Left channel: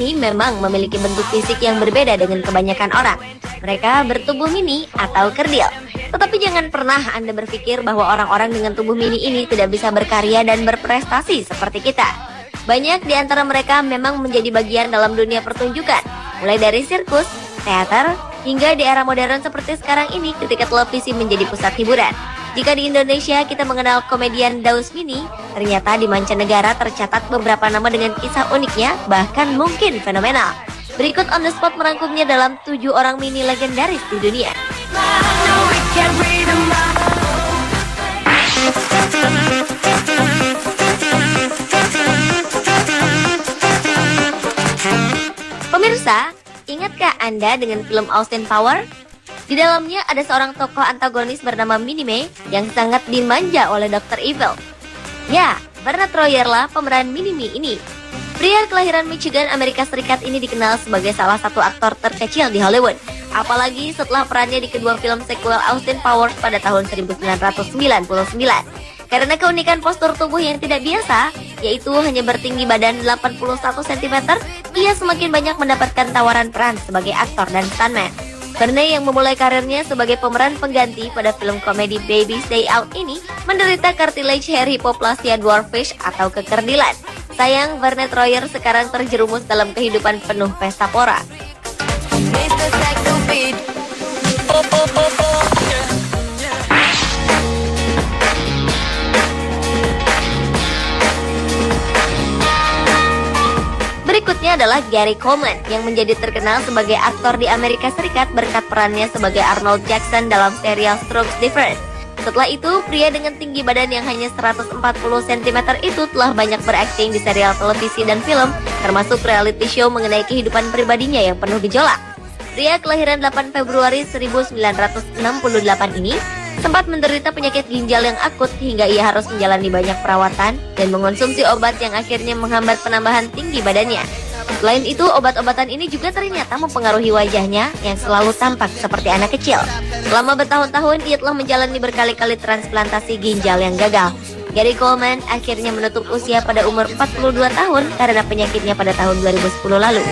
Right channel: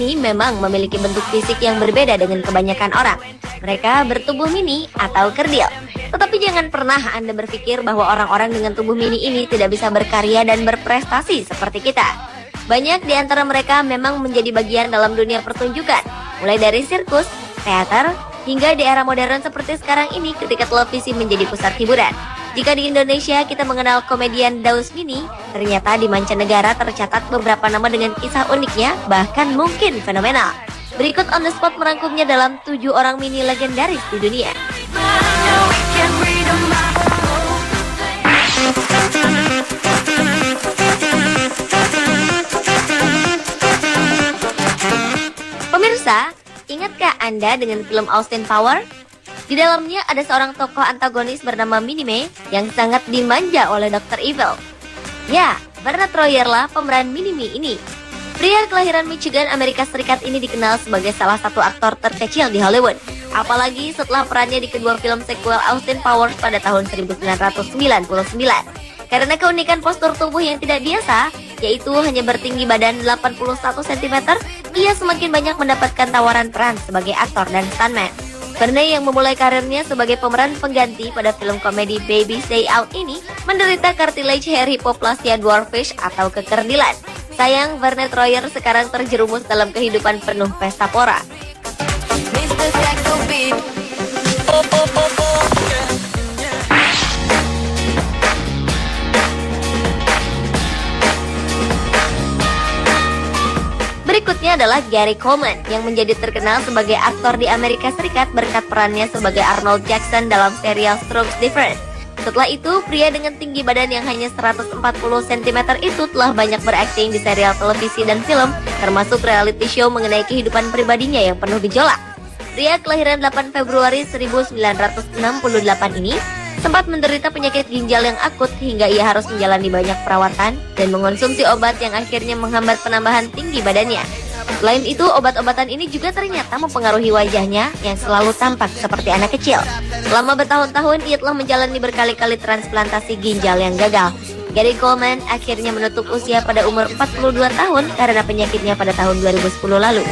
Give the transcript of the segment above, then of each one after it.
ini memang memiliki bentuk fisik yang berbeda dengan kebanyakan orang. Mereka bertubuh mini atau kerdil. Tetapi jangan pernah Anda berpikir bahwa orang-orang dengan tubuh mini ini tidak bisa berkarya dan berprestasi seperti kita. Banyak di antara mereka memang menjadi bagian dalam dunia pertunjukan, mulai dari sirkus, teater, hingga di era modern seperti sekarang ini ketika televisi menjadi pusat hiburan. Jika di Indonesia kita mengenal komedian Daus Mini, ternyata di mancanegara tercatat beberapa nama dengan kisah uniknya, bahkan mungkin fenomenal. Berikut On The Spot merangkumnya dalam 7 orang mini legendaris di dunia. Pemirsa, ingatkah Anda dengan film Austin Power? Di dalamnya ada seorang tokoh antagonis bernama Minnie yang sangat dimanja oleh Dr. Evil. Ya, Bernard Royer lah pemeran Minnie ini. Pria kelahiran Michigan, Amerika Serikat ini dikenal sebagai salah satu aktor terkecil di Hollywood. Apalagi setelah perannya di kedua film sequel Austin Powers pada tahun 1999. Karena keunikan postur tubuh yang tidak biasa, yaitu hanya bertinggi badan 81 cm, ia semakin banyak mendapatkan tawaran peran sebagai aktor dan stuntman. Bernard yang memulai karirnya sebagai pemeran pengganti pada film komedi Baby Stay Out ini menderita cartilage hair hypoplasia dwarfish atau kekerdilan. Sayang, Bernard Royer sekarang terjerumus dalam kehidupan penuh pesta pora. Berikutnya adalah Gary Coleman yang menjadi terkenal sebagai aktor di Amerika Serikat berkat perannya sebagai Arnold Jackson dalam serial Strokes Different. Setelah itu, pria dengan tinggi badan yang hanya 140 cm itu telah banyak berakting di serial televisi dan film, termasuk reality show mengenai kehidupan pribadinya yang penuh gejolak. Pria kelahiran 8 Februari 1968 ini sempat menderita penyakit ginjal yang akut hingga ia harus menjalani banyak perawatan dan mengonsumsi obat yang akhirnya menghambat penambahan tinggi badannya. Selain itu, obat-obatan ini juga ternyata mempengaruhi wajahnya yang selalu tampak seperti anak kecil. Selama bertahun-tahun, ia telah menjalani berkali-kali transplantasi ginjal yang gagal. Gary Coleman akhirnya menutup usia pada umur 42 tahun karena penyakitnya pada tahun 2010 lalu.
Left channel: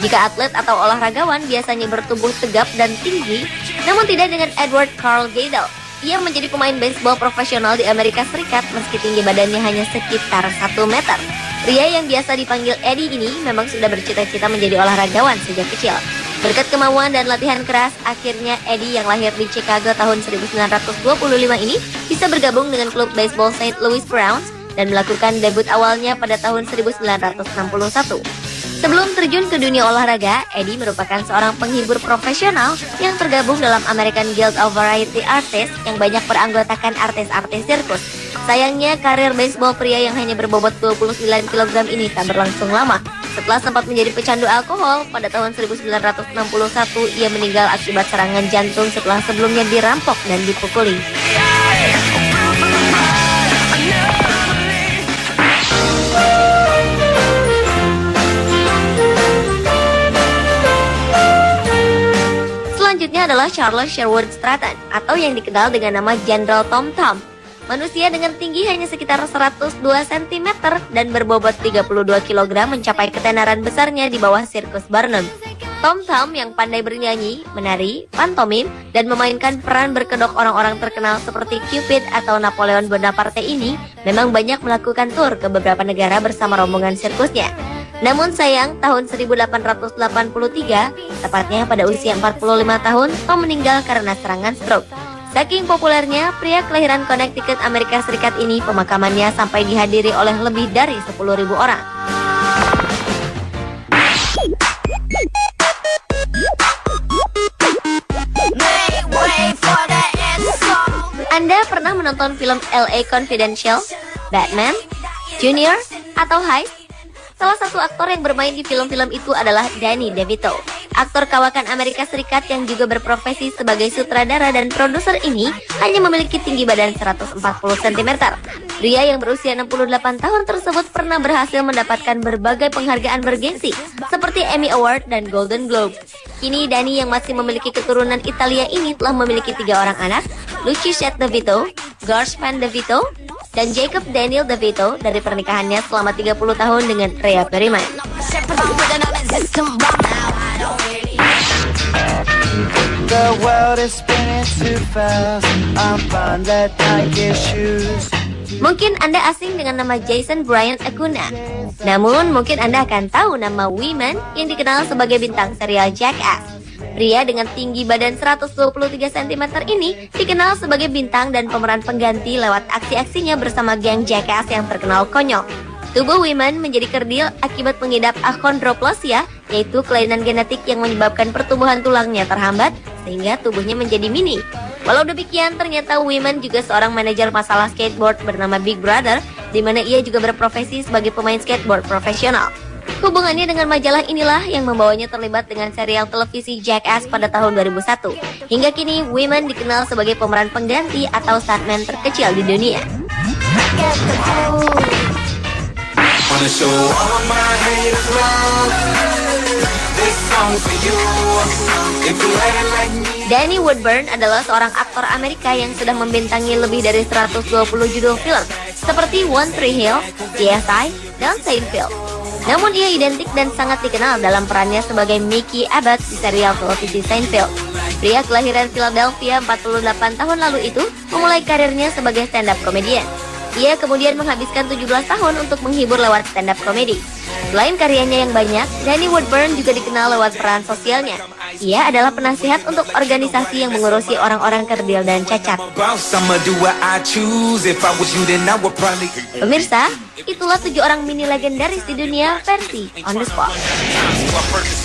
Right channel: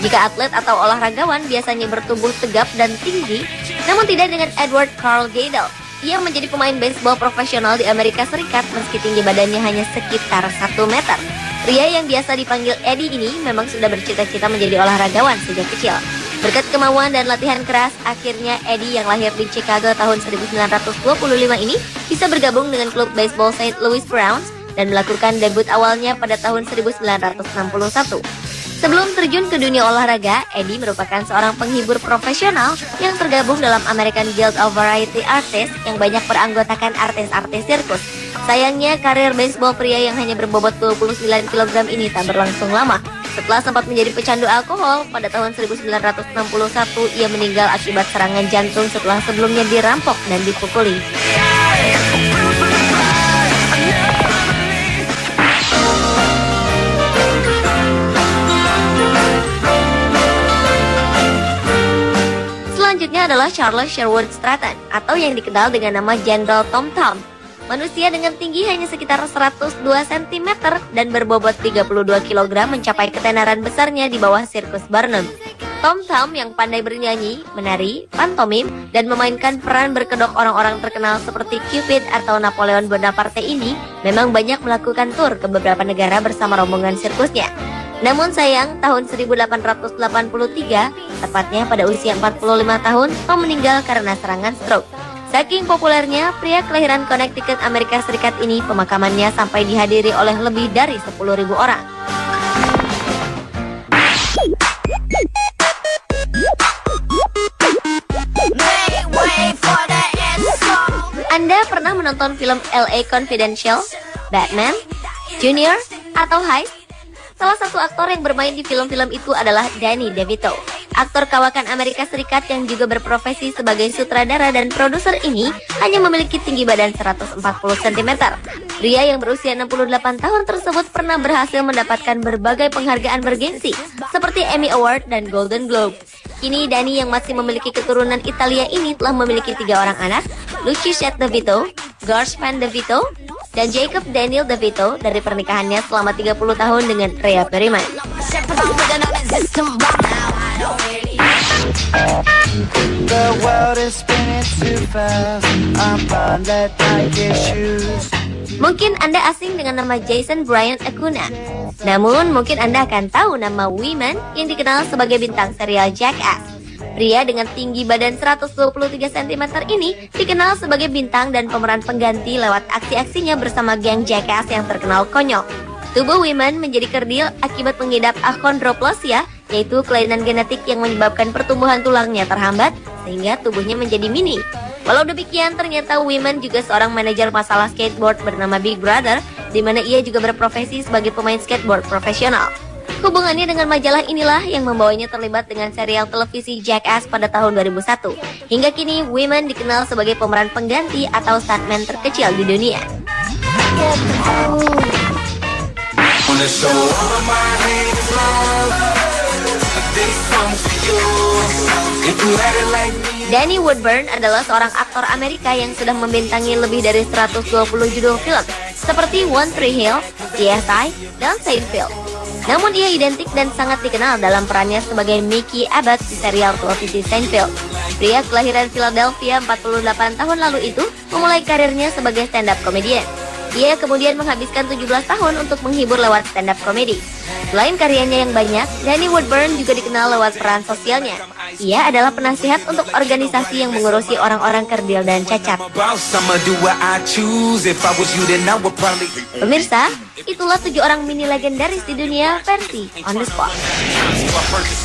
Jika atlet atau olahragawan biasanya bertubuh tegap dan tinggi, namun tidak dengan Edward Carl Giddel. Ia menjadi pemain baseball profesional di Amerika Serikat meski tinggi badannya hanya sekitar 1 meter. Pria yang biasa dipanggil Eddie ini memang sudah bercita-cita menjadi olahragawan sejak kecil. Berkat kemauan dan latihan keras, akhirnya Eddie yang lahir di Chicago tahun 1925 ini bisa bergabung dengan klub baseball St. Louis Browns dan melakukan debut awalnya pada tahun 1961. Sebelum terjun ke dunia olahraga, Eddie merupakan seorang penghibur profesional yang tergabung dalam American Guild of Variety Artists yang banyak beranggotakan artis-artis sirkus. Sayangnya, karir baseball pria yang hanya berbobot 29 kg ini tak berlangsung lama. Setelah sempat menjadi pecandu alkohol, pada tahun 1961 ia meninggal akibat serangan jantung setelah sebelumnya dirampok dan dipukuli. Selanjutnya adalah Charles Sherwood Stratton atau yang dikenal dengan nama General Tom Thumb. Manusia dengan tinggi hanya sekitar 102 cm dan berbobot 32 kg mencapai ketenaran besarnya di bawah sirkus Barnum. Tom Thumb yang pandai bernyanyi, menari, pantomim, dan memainkan peran berkedok orang-orang terkenal seperti Cupid atau Napoleon Bonaparte ini memang banyak melakukan tur ke beberapa negara bersama rombongan sirkusnya. Namun sayang, tahun 1883, tepatnya pada usia 45 tahun, Tom meninggal karena serangan stroke. Saking populernya, pria kelahiran Connecticut, Amerika Serikat ini pemakamannya sampai dihadiri oleh lebih dari 10.000 orang. Anda pernah menonton film LA Confidential, Batman, Junior, atau Heist? Salah satu aktor yang bermain di film-film itu adalah Danny DeVito. Aktor kawakan Amerika Serikat yang juga berprofesi sebagai sutradara dan produser ini hanya memiliki tinggi badan 140 cm. Pria yang berusia 68 tahun tersebut pernah berhasil mendapatkan berbagai penghargaan bergensi seperti Emmy Award dan Golden Globe. Kini Danny yang masih memiliki keturunan Italia ini telah memiliki 3 orang anak, Luciusette DeVito, Garsman DeVito, dan Jacob Daniel DeVito dari pernikahannya selama 30 tahun dengan Rhea Perryman. Mungkin Anda asing dengan nama Jason Brian Acuna. Namun mungkin Anda akan tahu nama Wiman yang dikenal sebagai bintang serial Jackass. Pria dengan tinggi badan 123 cm ini dikenal sebagai bintang dan pemeran pengganti lewat aksi-aksinya bersama geng Jackass yang terkenal konyol. Tubuh Wiman menjadi kerdil akibat mengidap achondroplasia, yaitu kelainan genetik yang menyebabkan pertumbuhan tulangnya terhambat sehingga tubuhnya menjadi mini. Walau demikian, ternyata Wiman juga seorang manajer masalah skateboard bernama Big Brother, di mana ia juga berprofesi sebagai pemain skateboard profesional. Hubungannya dengan majalah inilah yang membawanya terlibat dengan serial televisi Jackass pada tahun 2001. Hingga kini, Wiman dikenal sebagai pemeran pengganti atau stuntman terkecil di dunia. Danny Woodburn adalah seorang aktor Amerika yang sudah membintangi lebih dari 120 judul film seperti One Tree Hill, CSI, dan Seinfeld. Namun ia identik dan sangat dikenal dalam perannya sebagai Mickey Abbott di serial televisi Seinfeld. Pria kelahiran Philadelphia 48 tahun lalu itu memulai karirnya sebagai stand-up comedian. Ia kemudian menghabiskan 17 tahun untuk menghibur lewat stand-up comedy. Selain karyanya yang banyak, Danny Woodburn juga dikenal lewat peran sosialnya. Ia adalah penasihat untuk organisasi yang mengurusi orang-orang kerdil dan cacat. Pemirsa, itulah 7 orang mini legendaris di dunia versi On The Spot.